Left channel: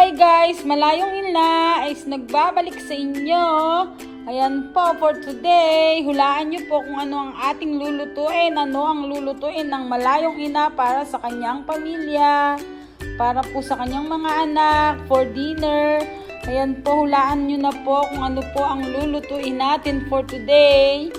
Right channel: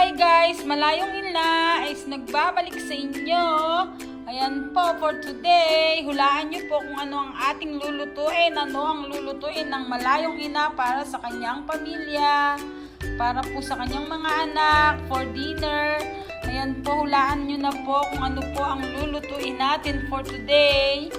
Hi guys! Malayong Ila is nagbabalik sa inyo. Ayan po for today. Hulaan nyo po kung ano ang ating lulutuin. Ano ang lulutuin ng Malayong Ina para sa kanyang pamilya. Para po sa kanyang mga anak. For dinner. Ayan po, hulaan nyo na po kung ano po ang lulutuin natin for today.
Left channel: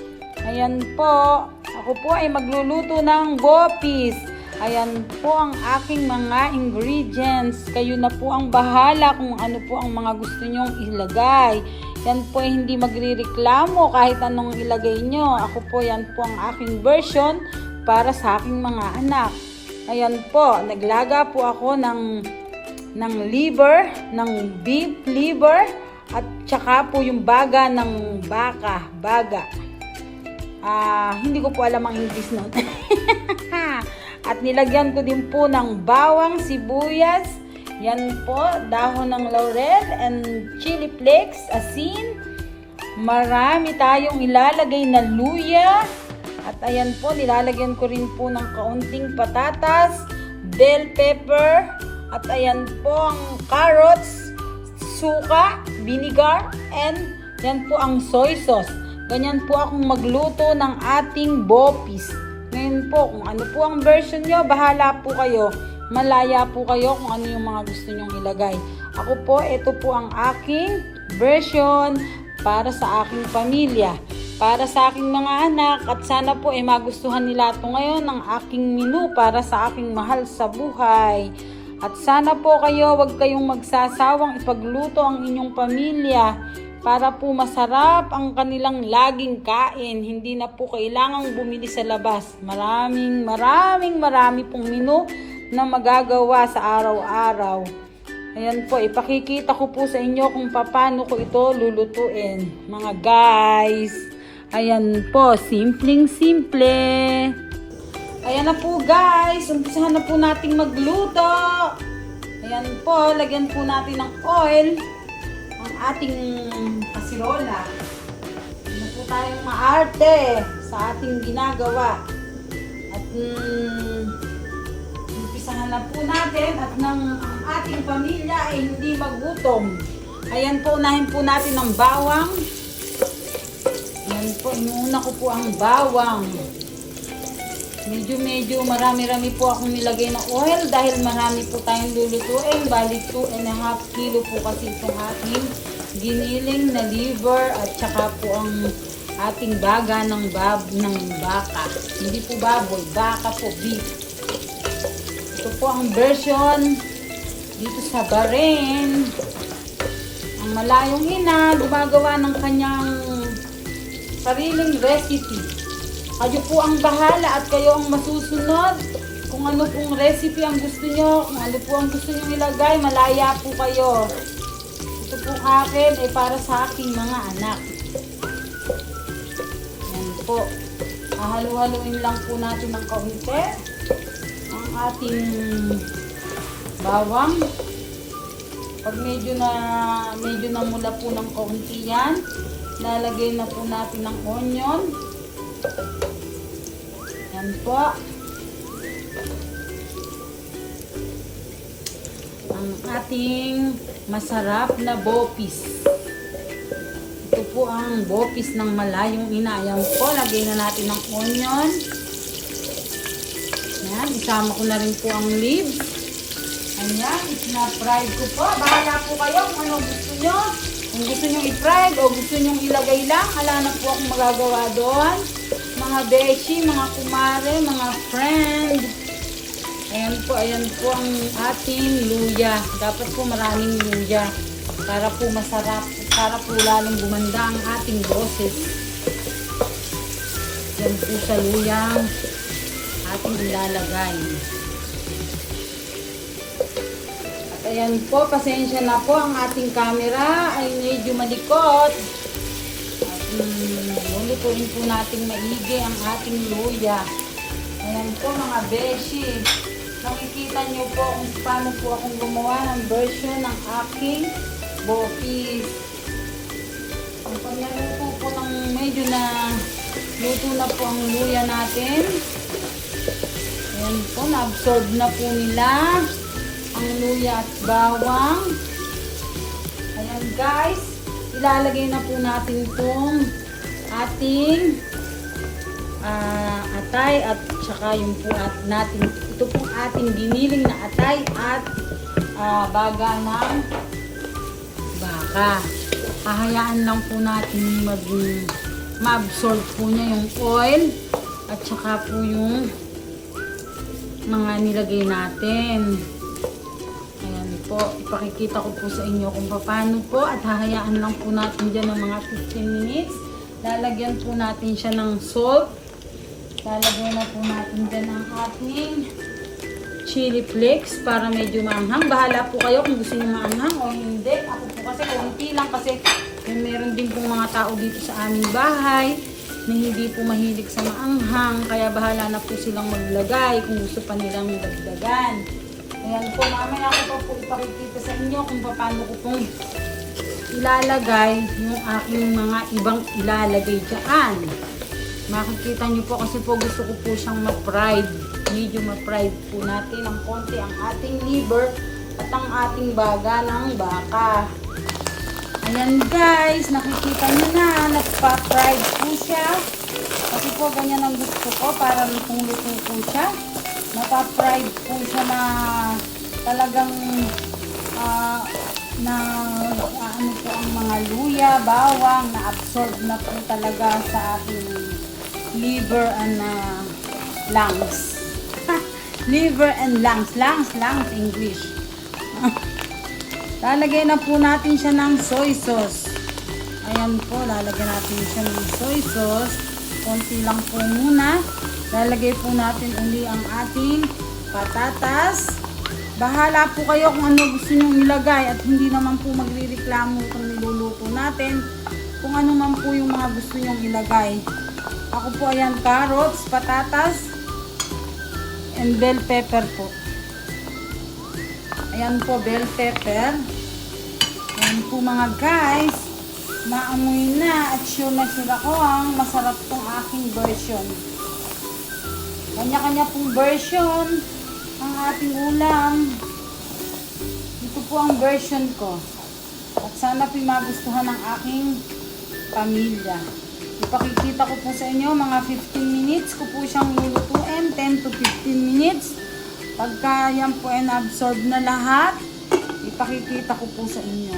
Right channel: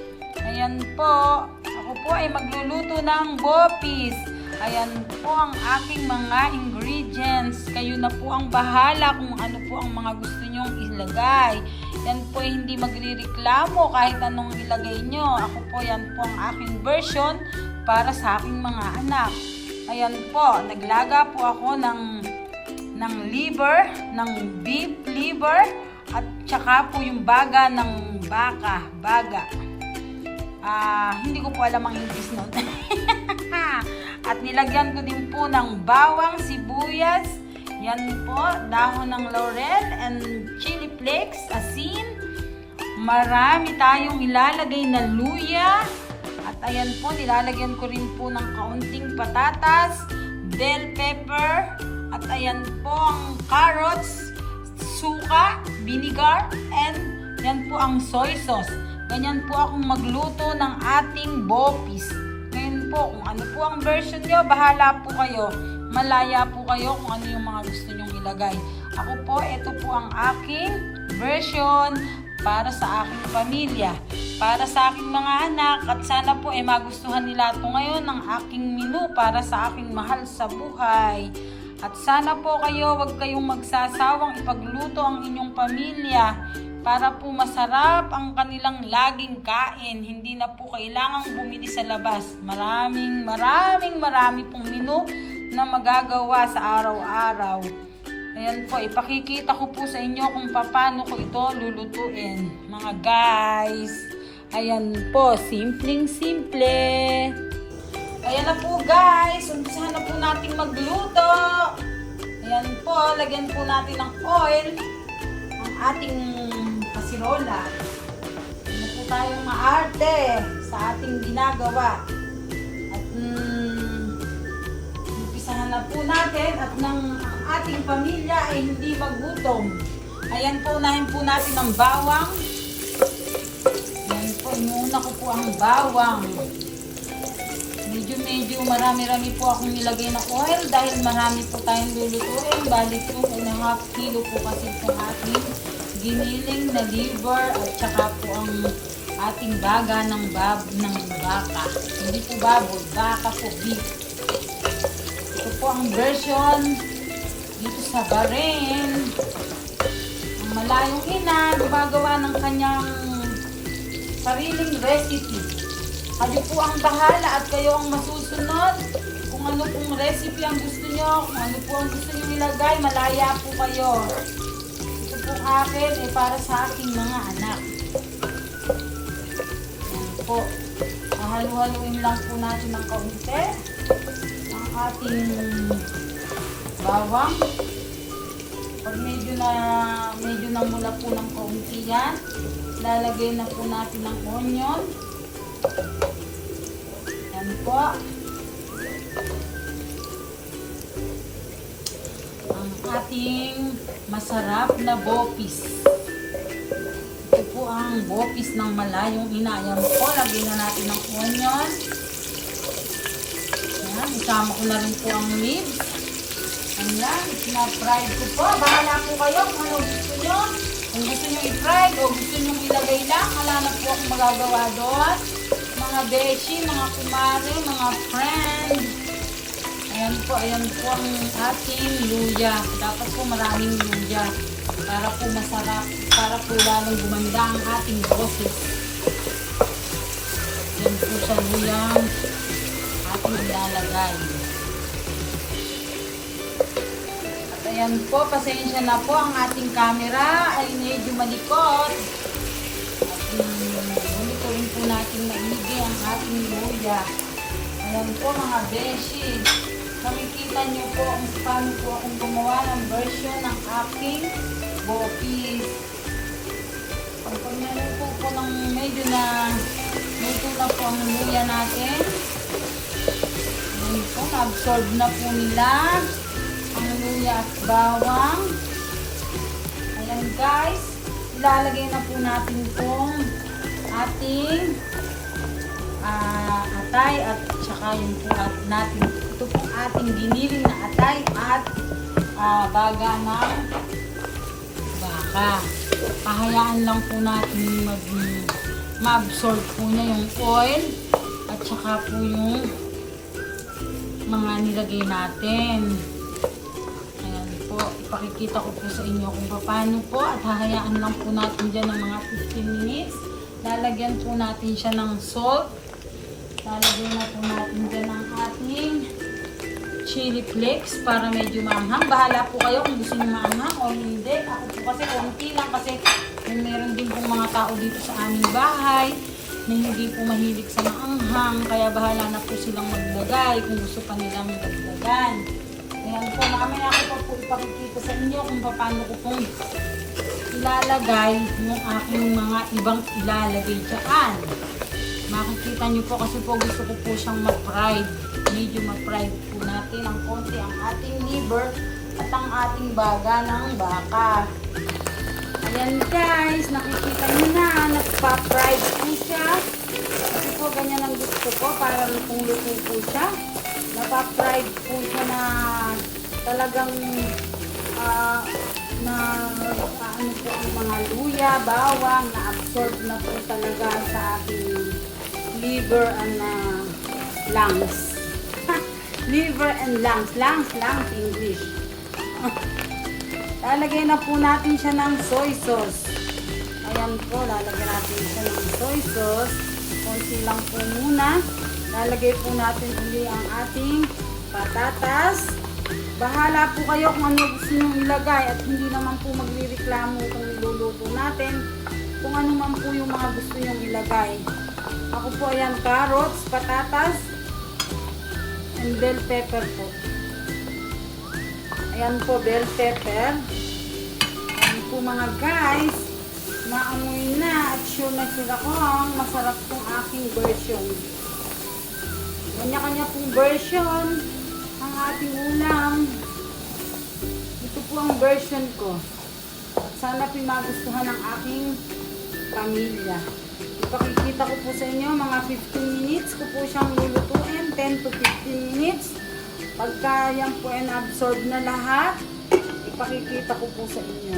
Ayan po. Ako po ay magluluto ng bopis. Ayan po ang aking mga ingredients. Kayo na po ang bahala kung ano po ang mga gusto nyong ilagay. Yan po ay hindi magrireklamo kahit anong ilagay nyo. Ako po, yan po ang aking version para sa aking mga anak. Ayan po, naglaga po ako ng liver, ng beef liver, at tsaka po yung baga ng baga. Hindi ko po alam ang English nun. At nilagyan ko din po ng bawang, sibuyas, yan po, dahon ng laurel and chili flakes, asin. Marami tayong ilalagay na luya. At ayan po, nilalagyan ko rin po ng kaunting patatas, bell pepper, at ayan po ang carrots, suka, vinegar, and yan po ang soy sauce. Ganyan po akong magluto ng ating bopis. Ngayon po, kung ano po ang version nyo, bahala po kayo. Malaya po kayo kung ano yung mga gusto nyong ilagay. Ako po, ito po ang aking version para sa aking pamilya. Para sa aking mga anak. At sana po magustuhan nila ito ngayon ng aking menu para sa aking mahal sa buhay. At sana po kayo, wag kayong magsasawang ipagluto ang inyong pamilya. Para po masarap ang kanilang laging kain. Hindi na po kailangang bumili sa labas. Marami pong menu na magagawa sa araw-araw. Ayan po, ipakikita ko po sa inyo kung paano ko ito lulutuin. Mga guys. Ayan po, simpleng-simple. Ayan na po guys. Umpisahan na po natin magluto. Ayan po, lagyan po natin ng oil. Ating kasirola. Hindi po tayo maarte sa ating ginagawa. At umpisahan na po natin at ang ating pamilya ay hindi magutom. Ayan po, unahin po natin ang bawang. Ayan po, inuna ko po ang bawang. Medyo marami-rami po akong nilagay na oil dahil marami po tayong lulutuin. Balik 2.5 kilo po kasi sa ating giniling na liver at saka po ang ating daga ng baka. Hindi po baboy, baka sa beef. Ito po ang version dito sa Bahrain. Ang Malayong Ina gumagawa ng kanyang sariling recipe. Kayo po ang bahala at kayo ang masusunod kung ano pong recipe ang gusto nyo, kung ano po ang gusto nyo ilagay, malaya po kayo. Ito po akin ay para sa aking mga anak. Ayan po. Halu-haluin lang po natin ng kaunti ang ating bawang. Pag medyo na mulat po ng kaunti yan, lalagay na po natin ng onion. Yan po. Ang ating masarap na bopis. Ito po ang bopis ng Malayong Ina. Yan po, lagay na natin ng onion. Yan, isama ko na rin po ang leaves. Ayan, isina-fried ko po. Bahala po kayo kung ano gusto nyo. Kung gusto nyo i-fried o gusto nyo ilagay lang, wala na po akong magagawa doon. Mga beshi, mga kumare, mga friend. Ayan po ang ating luya. Dapat po maraming luya para po masarap, para po lalong gumanda ang ating boses. Ayan po siya luyang ating ilalagay. Ayan po, pasensya na po ang ating camera ay medyo malikot. Ulit rin po natin maigi ang ating luya. Ayan po mga beshi. Makikita nyo po kung paano po akong gumawa ng version ng aking bopis. Pag naluto po ng medyo na luto na po ang luya natin. Ayan po, na-absorb na po nila ang luya at bawang. Ayan guys, ilalagay na po natin itong ating atay at saka yung po natin, ito po ating giniling na atay at baga ng baka. Pahayaan lang po natin ma-absorb po niya yung oil at saka po yung mga nilagay natin. Ayan po, ipakikita ko po sa inyo kung paano po at hahayaan lang po natin dyan ng mga 15 minutes. Lalagyan po natin siya ng salt. Lalagyan na po natin dyan ng ating chili flakes para medyo maanghang. Bahala po kayo kung gusto nyo maanghang o hindi. Ako po kasi kalampi lang kasi meron din po mga tao dito sa aming bahay na hindi po mahilig sa maanghang. Kaya bahala na po silang maglagay kung gusto pa nilang maglagan. Ayan po, mamaya ako pa po ipakikita sa inyo kung paano ko pong ilalagay yung aking mga ibang ilalagay dyan. Makikita nyo po kasi po gusto ko po siyang ma-fried. Medyo ma-fried po natin ang konti ang ating liver at ang ating baga ng baka. Ayan guys, nakikita nyo na, nagpa-fried po siya. Kasi po ganyan ang gusto ko para lutong-luto po siya. Napa-fried po siya na talagang ano po ang mga luya, bawang, na-absorb na po talaga sa aking liver and lungs. Liver and lungs. Lungs, English. Lalagay na po natin siya ng soy sauce. Ayan po, lalagay natin siya ng soy sauce. Konti lang po muna. Lalagay po natin uli ang ating patatas. Bahala po kayo kung ano gusto nyo ilagay at hindi naman po magre-reklamo kung niluluto natin. Kung ano man po yung mga gusto nyo ilagay. Ako po ayan, carrots, patatas, and bell pepper po. Ayan po, bell pepper. Ayan po mga guys, maamoy na at sure na sila ko ang masarap pong aking version. Kanya-kanya pong version ng ating ulam. Ito po ang version ko. At sana po magustuhan ng aking pamilya. Ipakikita ko po sa inyo, mga 15 minutes ko po siyang lulutuin, 10 to 15 minutes. Pagka yan po ay na-absorb na lahat, ipakikita ko po sa inyo.